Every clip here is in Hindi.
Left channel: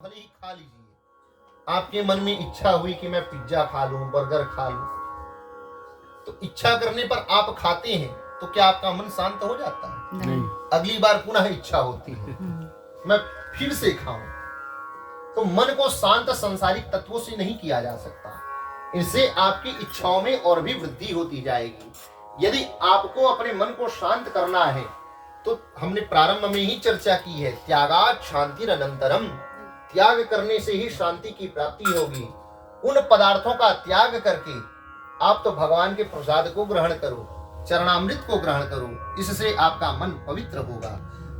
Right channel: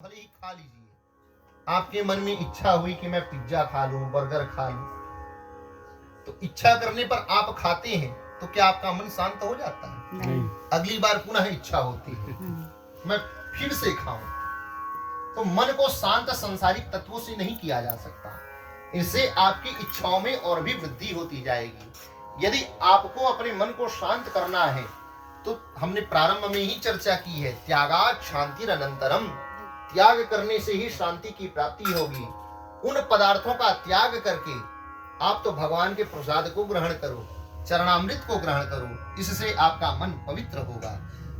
भले ही खा लीजिए। आपके मन में इच्छा हुई कि मैं पिज्जा खा लूं, बर्गर खा लूं, तो इच्छा करने पर आप खाते हैं तो क्या आपका मन शांत हो जाता है? नहीं। अगली बार पुनः इच्छा होती है मैं फिर से खाऊं। तो मन को शांत संसारिक तत्वों से नहीं किया जा सकता। इससे आपकी इच्छाओं में और भी वृद्धि होती जाएगी। यदि आपको अपने मन को शांत करना है तो हमने प्रारंभ में ही चर्चा की है, त्यागात् शांतिरनंतरम। त्याग करने से ही शांति की प्राप्ति होगी। उन पदार्थों का त्याग करके आप तो भगवान के प्रसाद को ग्रहण करो, चरणामृत को ग्रहण करो। इससे आपका मन पवित्र होगा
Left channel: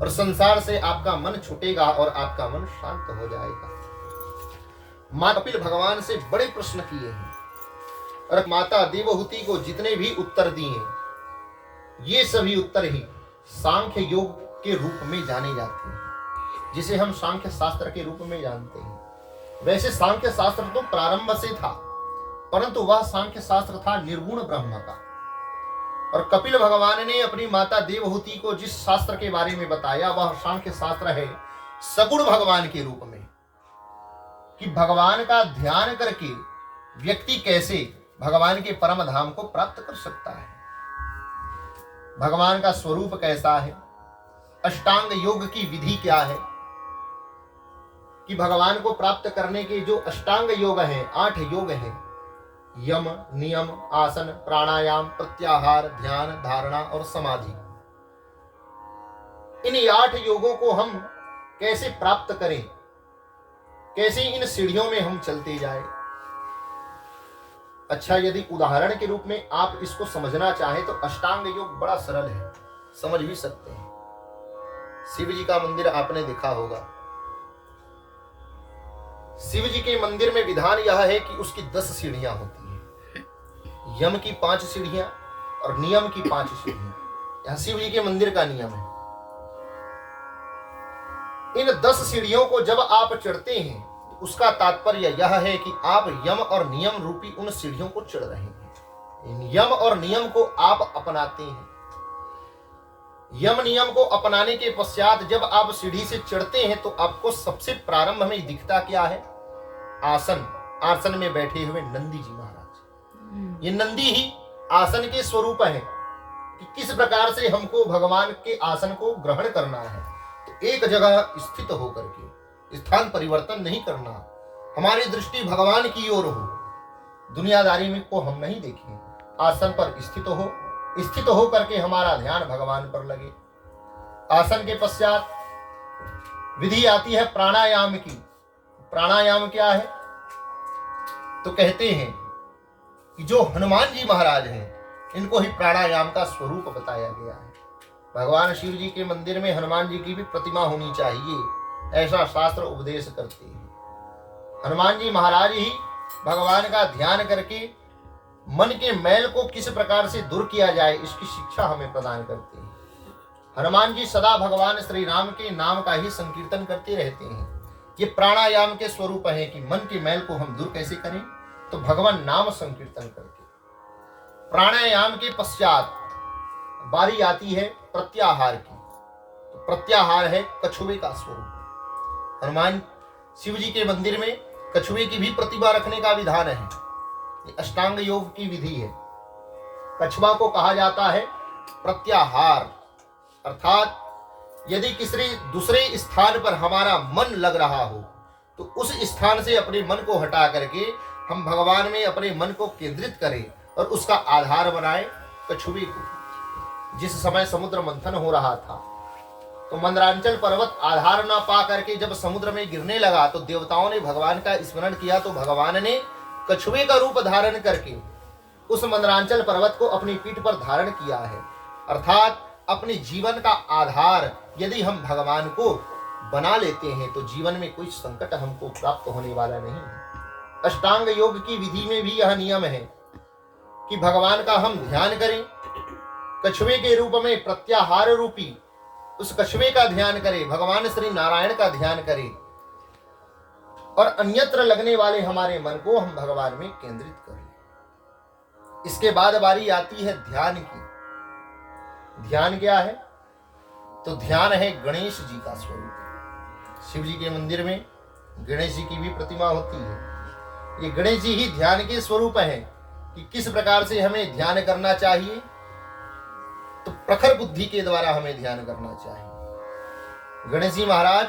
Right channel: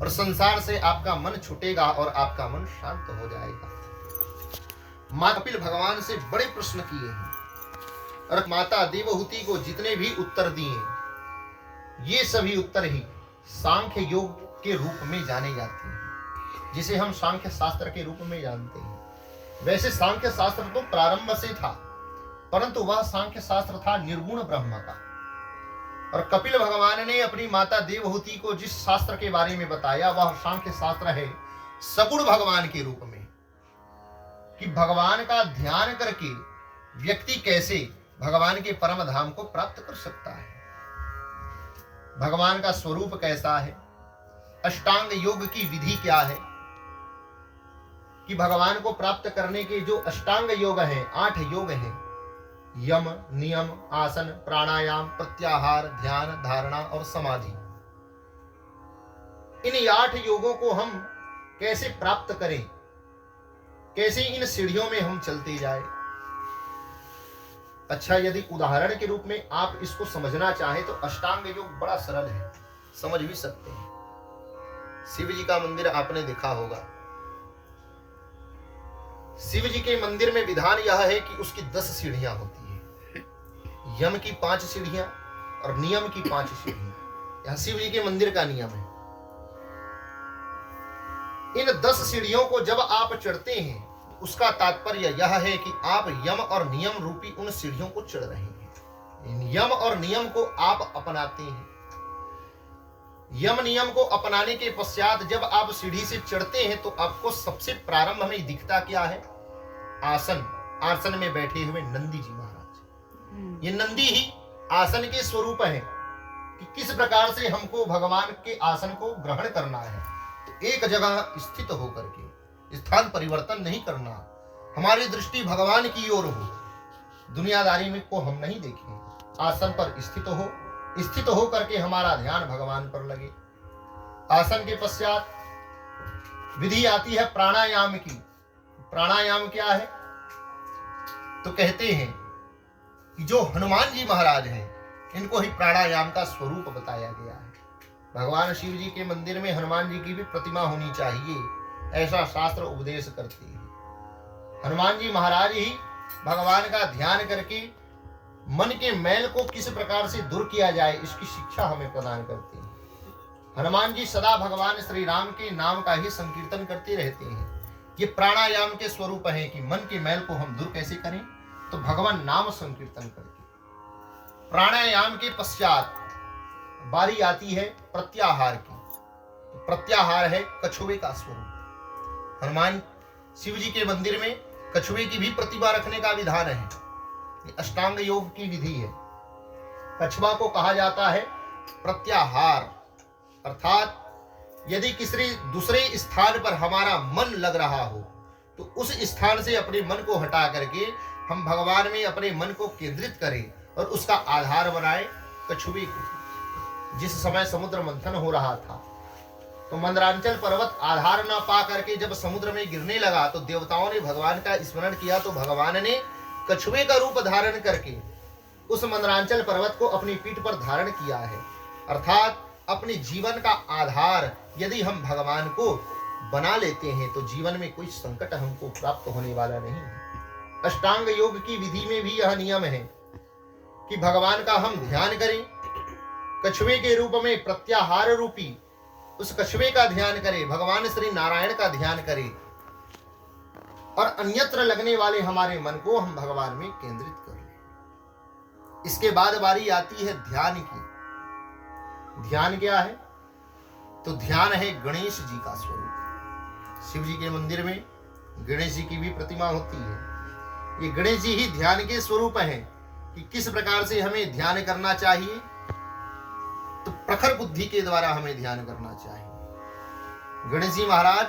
और संसार से आपका मन छूटेगा और आपका मन शांत हो जाएगा। मां कपिल भगवान से बड़े प्रश्न किए हैं और माता देवहूति को जितने भी उत्तर दिए, ये सभी उत्तर ही सांख्य योग के रूप में जाने जाते हैं, जिसे हम सांख्य शास्त्र के रूप में जानते हैं। वैसे सांख्य शास्त्र तो प्रारंभ से था, परंतु वह सांख्य शास्त्र था निर्गुण ब्रह्म का। और कपिल भगवान ने अपनी माता देवहूति को जिस शास्त्र के बारे में बताया, वह सांख्य शास्त्र है सगुण भगवान के रूप में, कि भगवान का ध्यान करके व्यक्ति कैसे भगवान के परम धाम को प्राप्त कर सकता है, भगवान का स्वरूप कैसा है, अष्टांग योग की विधि क्या है, कि भगवान को प्राप्त करने के जो अष्टांग योग हैं, 8 योग हैं, यम, नियम, आसन, प्राणायाम, प्रत्याहार, ध्यान, धारणा और समाधि। इन 8 योगों को हम कैसे प्राप्त करें, कैसे इन सीढ़ियों में हम चलते जाए। अच्छा, यदि उदाहरण के रूप में आप इसको समझना चाहें तो अष्टांग योग बड़ा सरल है, समझ भी सकते हैं। शिव जी का मंदिर आपने देखा होगा। शिव जी के मंदिर में विधान यह है कि उसकी 10 सीढ़ियां होती है। यम की 5 सीढ़ियां और नियम की 5 सीढ़ियां। यह शिव जी के मंदिर का नियम है। इन 10 सीढ़ियों को जब आप चढ़ते हैं, उसका तात्पर्य यह है कि आप यम और नियम रूपी उन सीढ़ियों को चढ़ रहे हैं। इन यम और नियम को आप अपनाते हैं। यम नियम को अपनाने के पश्चात जब आप सीढ़ी से चढ़ते हैं तो आपको सबसे प्रारंभ में दिखता क्या है? आसन। आसन में बैठे हुए नंदी जी महाराज। ये नंदी ही आसन के स्वरूप हैं कि किस प्रकार से हमको भगवान के आसन को ग्रहण करना है। तो एक जगह स्थित होकर के स्थान परिवर्तन नहीं करना, हमारी दृष्टि भगवान की ओर हो, दुनियादारी में को हम नहीं देखें। आसन पर स्थित हो करके हमारा ध्यान भगवान पर लगे। आसन के पश्चात विधि आती है प्राणायाम की। प्राणायाम क्या है? तो कहते हैं कि जो हनुमान जी महाराज हैं, इनको ही प्राणायाम का स्वरूप बताया गया है। भगवान शिव जी के मंदिर में हनुमान जी की भी प्रतिमा होनी चाहिए, ऐसा शास्त्र उपदेश करते हैं। हनुमान जी महाराज ही भगवान का ध्यान करके मन के मैल को किस प्रकार से दूर किया जाए, इसकी शिक्षा हमें प्रदान करते हैं। हनुमान जी सदा भगवान श्री राम के नाम का ही संकीर्तन करते रहते हैं। ये प्राणायाम के स्वरूप है कि मन के मैल को हम दूर कैसे करें, तो भगवान नाम संकीर्तन करके। प्राणायाम के पश्चात बारी आती है प्रत्याहार की। तो प्रत्याहार है कछुए का स्वरूप। हनुमान शिव जी के मंदिर में कछुए की भी प्रतिमा रखने का विधान है। ये अष्टांग योग की विधि है। कछुआ को कहा जाता है प्रत्याहार, अर्थात यदि किसी दूसरे स्थान पर हमारा मन लग रहा हो तो उस स्थान से अपने मन को हटा करके हम भगवान में अपने मन को केंद्रित करें और उसका आधार बनाए कछुए को। जिस समय समुद्र मंथन हो रहा था तो मंदरांचल पर्वत आधार न पा करके जब समुद्र में गिरने लगा तो देवताओं ने भगवान का स्मरण किया, तो भगवान ने कछुए का रूप धारण करके उस मंदरांचल पर्वत को अपनी पीठ पर धारण किया है। अर्थात अपने जीवन का आधार यदि हम भगवान को बना लेते हैं तो जीवन में कोई संकट हमको प्राप्त होने वाला नहीं है। अष्टांग योग की विधि में भी यह नियम है कि भगवान का हम ध्यान करें, कछुए के रूप में प्रत्याहार रूपी उस कछुए का ध्यान करें, भगवान श्री नारायण का ध्यान करें और अन्यत्र लगने वाले हमारे मन को हम भगवान में केंद्रित करें। इसके बाद बारी आती है ध्यान की। ध्यान क्या है? तो ध्यान है गणेश जी का स्वरूप। शिव जी के मंदिर में गणेश जी की भी प्रतिमा होती है। ये गणेश जी ही ध्यान के स्वरूप हैं कि किस प्रकार से हमें ध्यान करना चाहिए। तो प्रखर बुद्धि के द्वारा हमें ध्यान करना चाहिए। गणेश जी महाराज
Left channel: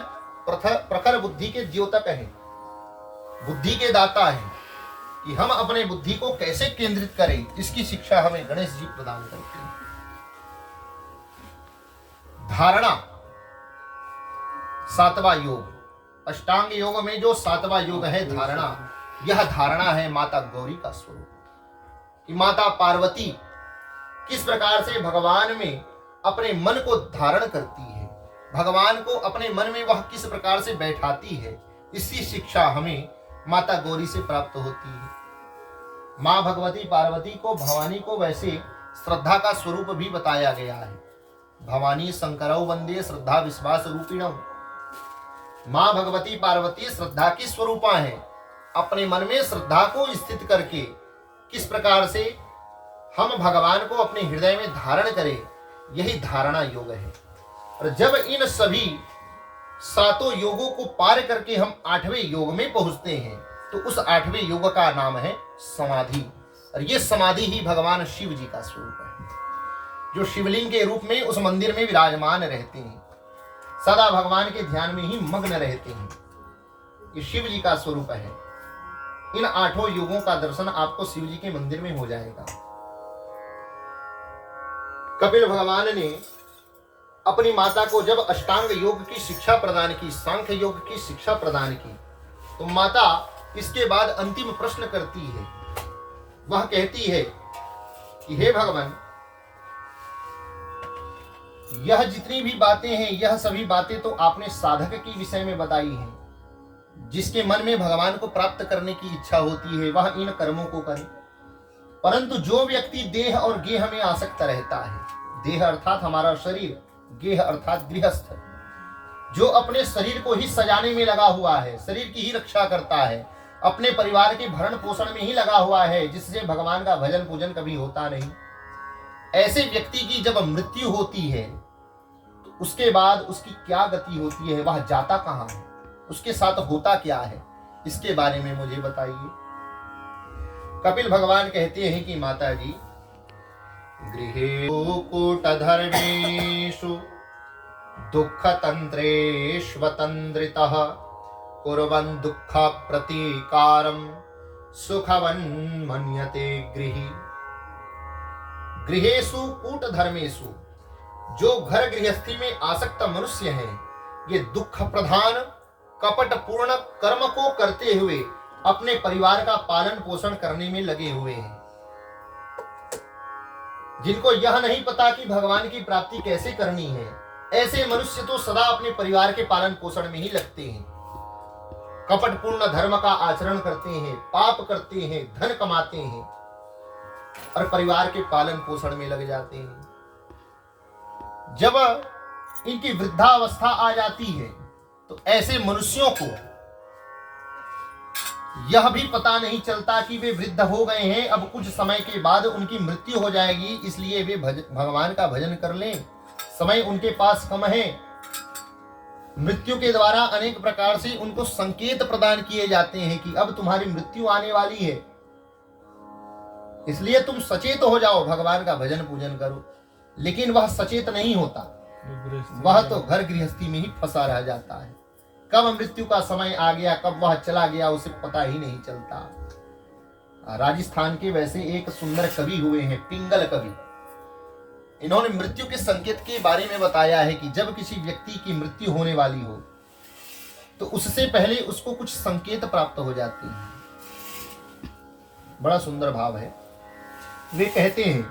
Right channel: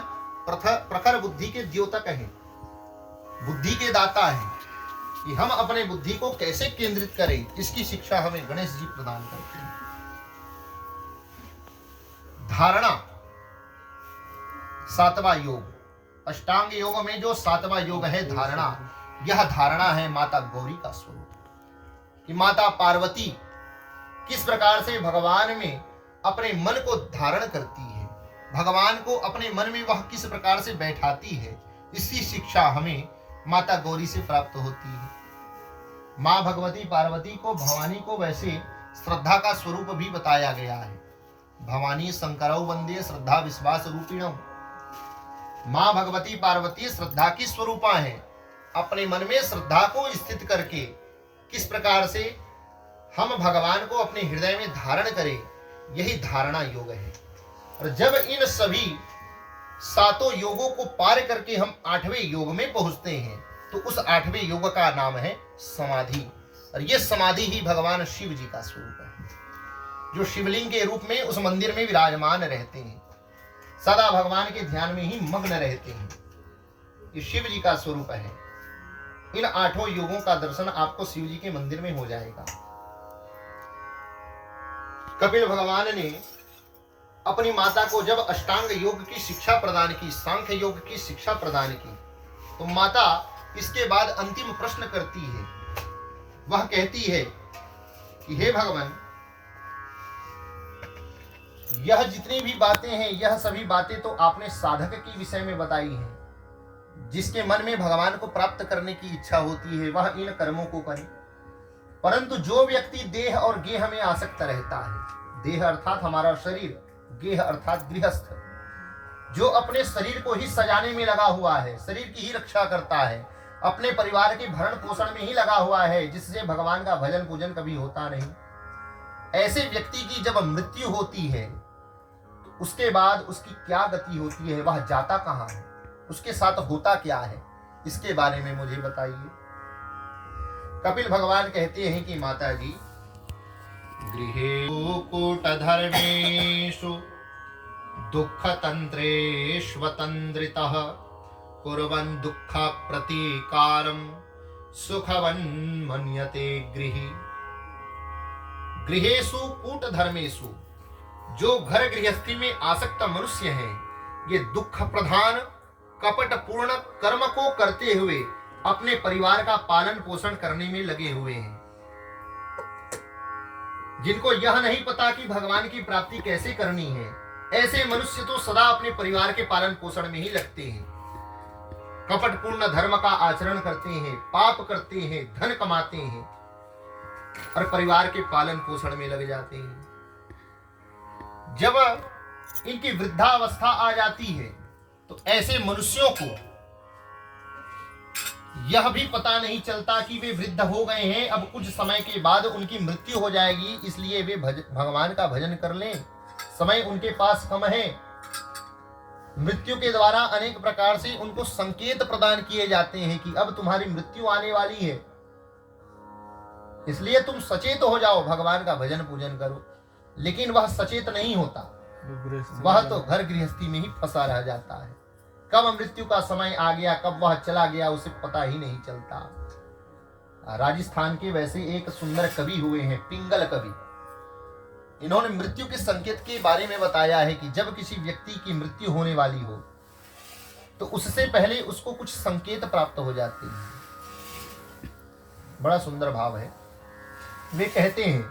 प्रखर बुद्धि के द्योतक हैं, बुद्धि के दाता हैं, कि हम अपने बुद्धि को कैसे केंद्रित करें, इसकी शिक्षा हमें गणेश जी प्रदान करते हैं। धारणा, सातवां योग, अष्टांग योग में जो सातवां योग है धारणा, यह धारणा है माता गौरी का स्वरूप। कि माता पार्वती किस प्रकार से भगवान में अपने मन को धारण करती है, भगवान को अपने मन में वह किस प्रकार से बैठाती है, इसकी शिक्षा हमें माता गौरी से प्राप्त होती है। माँ भगवती पार्वती को, भवानी को वैसे श्रद्धा का स्वरूप भी बताया गया है। भवानी शंकरौ वंदे श्रद्धा विश्वास रूपिणौ। माँ भगवती पार्वती श्रद्धा की स्वरूपा है। अपने मन में श्रद्धा को स्थित करके किस प्रकार से हम भगवान को अपने हृदय में धारण करें, यही धारणा योग है। और जब इन सभी सातों योगों को पार करके हम 8वें योग में पहुंचते हैं, तो उस 8वें योग का नाम है समाधि। और ये समाधि ही भगवान शिव जी का स्वरूप है, जो शिवलिंग के रूप में उस मंदिर में विराजमान रहते हैं, सदा भगवान के ध्यान में ही मग्न रहते हैं। ये शिव जी का स्वरूप है। इन 8 योगों का दर्शन आपको शिव जी के मंदिर में हो जाएगा। कपिल भगवान ने अपनी माता को जब अष्टांग योग की शिक्षा प्रदान की, सांख्य योग की शिक्षा प्रदान की, तो माता इसके बाद अंतिम प्रश्न करती है। वह कहती है कि हे भगवान, यह जितनी भी बातें हैं, यह सभी बातें तो आपने साधक के विषय में बताई हैं। जिसके मन में भगवान को प्राप्त करने की इच्छा होती है, वह इन कर्मों को करे। परंतु जो व्यक्ति देह और गेह में आसक्त रहता है, देह अर्थात हमारा शरीर, गेह अर्थात गृहस्थ, जो अपने शरीर को ही सजाने में लगा हुआ है, शरीर की ही रक्षा करता है, अपने परिवार के भरण पोषण में ही लगा हुआ है, जिससे भगवान का भजन पूजन कभी होता नहीं, ऐसे व्यक्ति की जब मृत्यु होती है, तो उसके बाद उसकी क्या गति होती है, वह जाता कहाँ है, उसके साथ होता क्या है, इसके बारे में मुझे बताइए। कपिल भगवान कहते हैं कि माता जी, गृहेषु कूटधर्मेषु दुःखतन्त्रेष्वतन्द्रितः कुर्वन् दुःख प्रतीकारं सुखवन् मन्यते गृही। गृहेषु कूटधर्मेषु, जो घर गृहस्थी में आसक्त मनुष्य हैं, ये दुख प्रधान कपट पूर्ण कर्म को करते हुए अपने परिवार का पालन पोषण करने में लगे हुए हैं। जिनको यह नहीं पता कि भगवान की प्राप्ति कैसे करनी है, ऐसे मनुष्य तो सदा अपने परिवार के पालन पोषण में ही लगते हैं, कपट पूर्ण धर्म का आचरण करते हैं, पाप करते हैं, धन कमाते हैं और परिवार के पालन पोषण में लग जाते हैं। जब इनकी वृद्धावस्था आ जाती है, तो ऐसे मनुष्यों को यह भी पता नहीं चलता कि वे वृद्ध हो गए हैं, अब कुछ समय के बाद उनकी मृत्यु हो जाएगी, इसलिए वे भगवान का भजन कर लें, समय उनके पास कम है। मृत्यु के द्वारा अनेक प्रकार से उनको संकेत प्रदान किए जाते हैं कि अब तुम्हारी मृत्यु आने वाली है, इसलिए तुम सचेत हो जाओ, भगवान का भजन पूजन करो। लेकिन वह सचेत नहीं होता, वह तो घर गृहस्थी में ही फंसा रह जाता है। कब मृत्यु का समय आ गया, कब वह चला गया, उसे पता ही नहीं चलता। राजस्थान के वैसे एक सुंदर कवि हुए हैं, पिंगल कवि। इन्होंने मृत्यु के संकेत के बारे में बताया है कि जब किसी व्यक्ति की मृत्यु होने वाली हो, तो उससे पहले उसको कुछ संकेत प्राप्त हो जाते हैं। बड़ा सुंदर भाव है। वे कहते हैं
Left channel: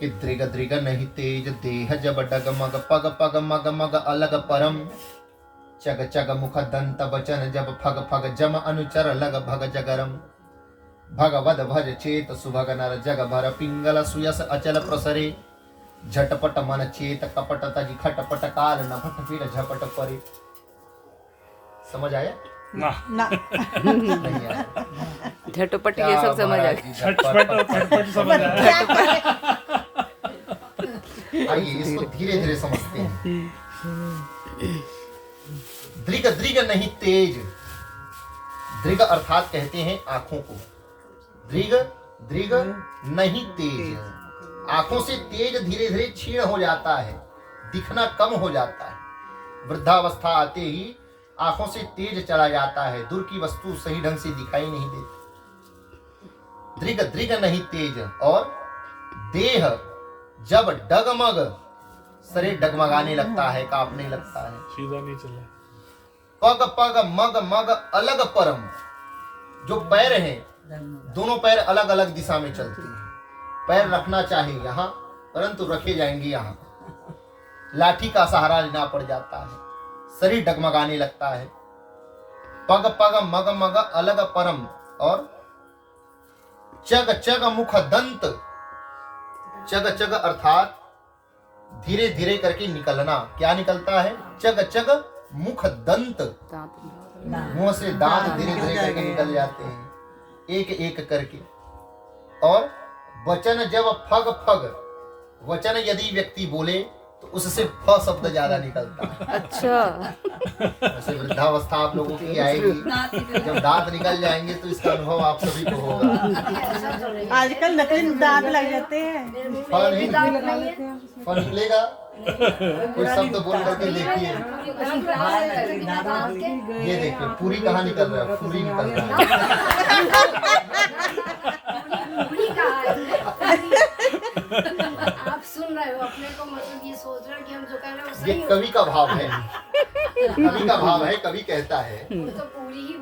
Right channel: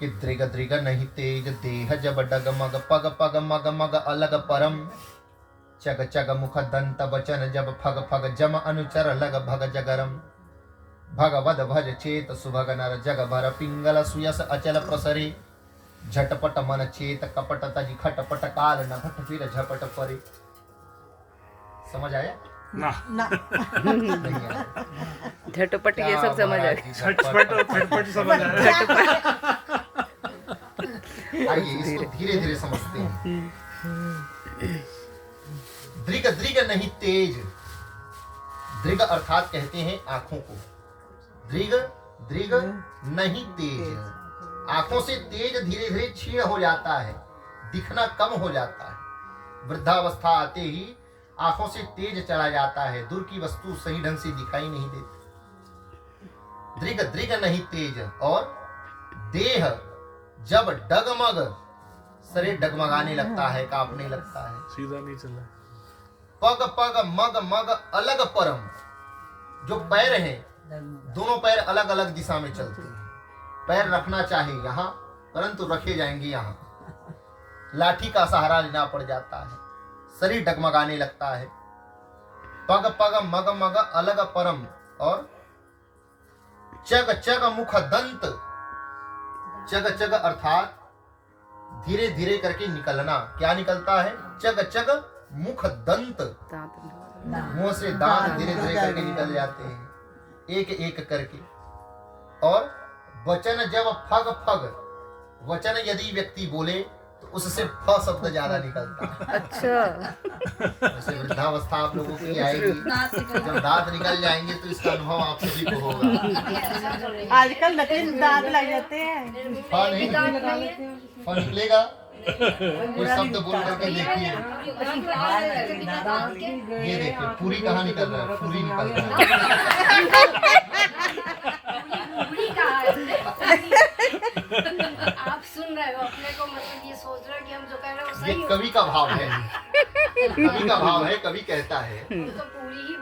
कि दृग दृग नहीं तेज देह जब डगमग पग पग मग मग अलग परम चग चग मुख दंत बचन जब फग फग जम अनुचर लग भग जगरम भगवद भज चेत सुभग नर जग भर पिंगल सुयस अचल प्रसरे झटपट मन चेत कपट तज खटपट काल न भट फिर झपट परे। समझ आया ना नहीं आया? झटपट ये सब समझ आ गया। झटपट और फटफट समझ आया। आइए इसको धीरे धीरे समझते हैं। दृग दृग नहीं तेज, दृग अर्थात कहते हैं आंखों को। दृग दृग नहीं तेज, आंखों से तेज धीरे धीरे क्षीण हो जाता है, दिखना कम हो जाता है। वृद्धावस्था आते ही आंखों से तेज चला जाता है, दूर की वस्तु सही ढंग से दिखाई नहीं देती। दृग दृग नहीं तेज, और देह जब डगमग, शरीर डगमगाने लगता है, कांपने लगता है। सीधा नहीं चला। पग पग मग मग अलग परम, जो पैर हैं दोनों पैर अलग अलग दिशा में चलते हैं। पैर रखना चाहे यहाँ, परंतु रखे जाएंगे यहाँ। लाठी का सहारा लेना पड़ जाता है, शरीर डगमगाने लगता है। पग पग मग मग अलग परम, और चग चग मुख दंत, चग चग अर्थात धीरे धीरे करके निकलना। क्या निकलता है? चग चग मुख दंत, मुंह से दांत धीरे धीरे करके निकल जाते हैं, एक एक करके। और वचन जब फग फग, वचन यदि व्यक्ति बोले तो उससे फ शब्द ज्यादा निकलता है। अच्छा, वैसे वृद्धावस्था आप लोगों की आएगी, जब दांत निकल जाएंगे तो इसका अनुभव आप सभी को होगा। आजकल नकली दांत लग जाते हैं। फ नहीं, फ निकलेगा। कोई शब्द बोल करके देखिए, ये देखिए पूरी कहाँ निकल रहा है, पूरी निकल रहा है। आप सुन रहे हो अपने को, मतलब ये सोच रहे हो कि हम जो कह रहे हैं वो ये सही हो। कवि का भाव है, कवि का भाव है, कवि कहता है तो पूरी ही